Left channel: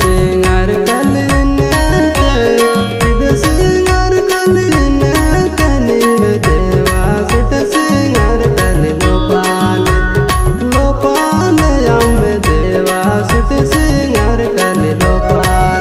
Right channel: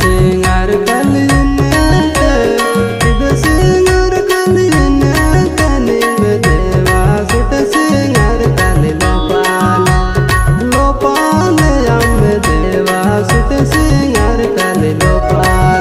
सिंगार कलीने सिंगार कलीने कनी देवा सुट सिंगार कली लोपाल यम देवा सुट सिंगार कली लोपाल